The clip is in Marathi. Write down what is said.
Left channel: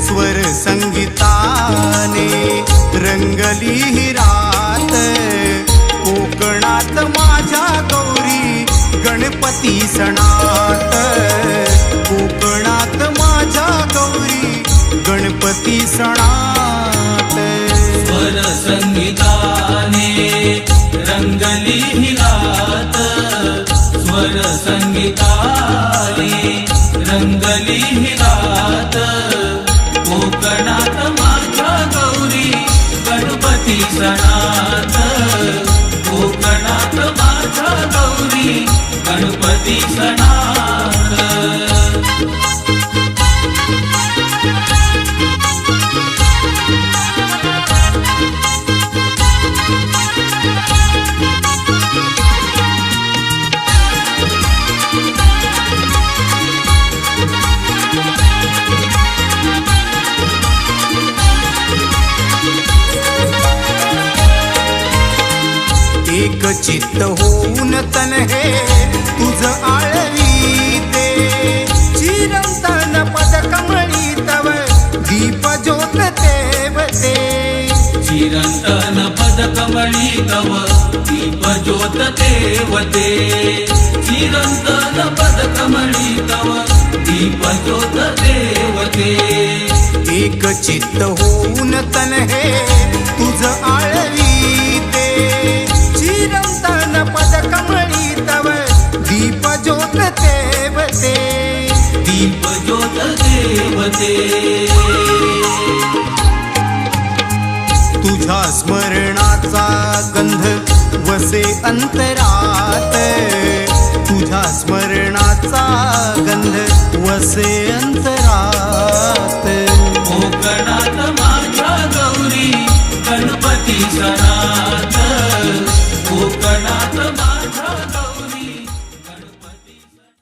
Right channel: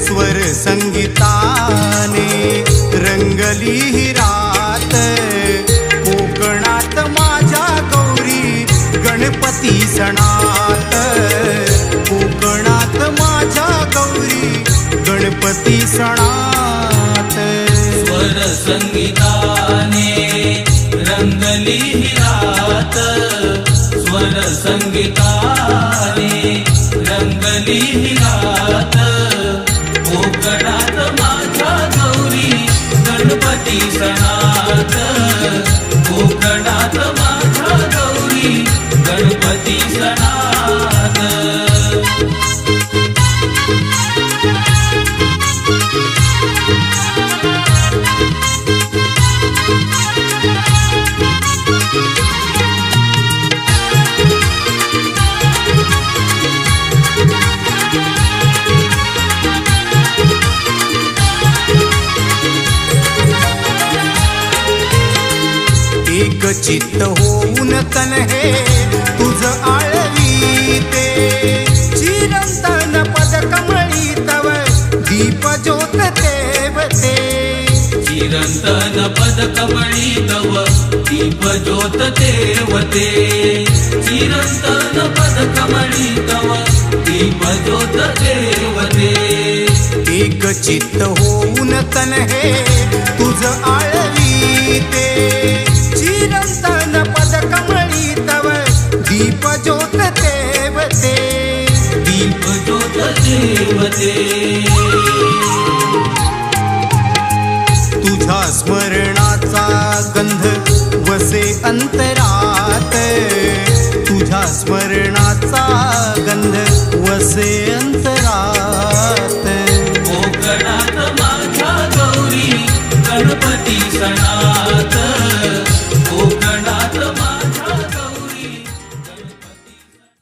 स्वर संगीताने रंगली ही रात. कोकणात माझ्या गौरी गणपती सणात. कोकणात माझ्या गौरी गणपती सणात. स्वर संगीताने रंगली ही रात. स्वर संगीताने रंगली ही रात. कोकणात माझ्या गौरी गणपती सणात. कोकणात माझ्या गौरी गणपती सणात. एक चित्त होऊन तन हे तुझ आळवीते. चिरंतन पद कमळी तव दीप ज्योत तेवते. चिरंतन पद कमळी तव दीप ज्योत तेवते. चिरंतन पद कमळी तव दीप ज्योत तेवते. एक चित्त होऊन तन हे तुझ आळवीते. चिरंतन पद कमळी तव दीप ज्योत तेवते. दीप ज्योत तेवते. तुझ्या स्मरणाचा गंध वसे अंतरात. तुझ्या स्मरणाचा गंध वसे अंतरात. कोकणात माझ्या गौरी गणपती सणात.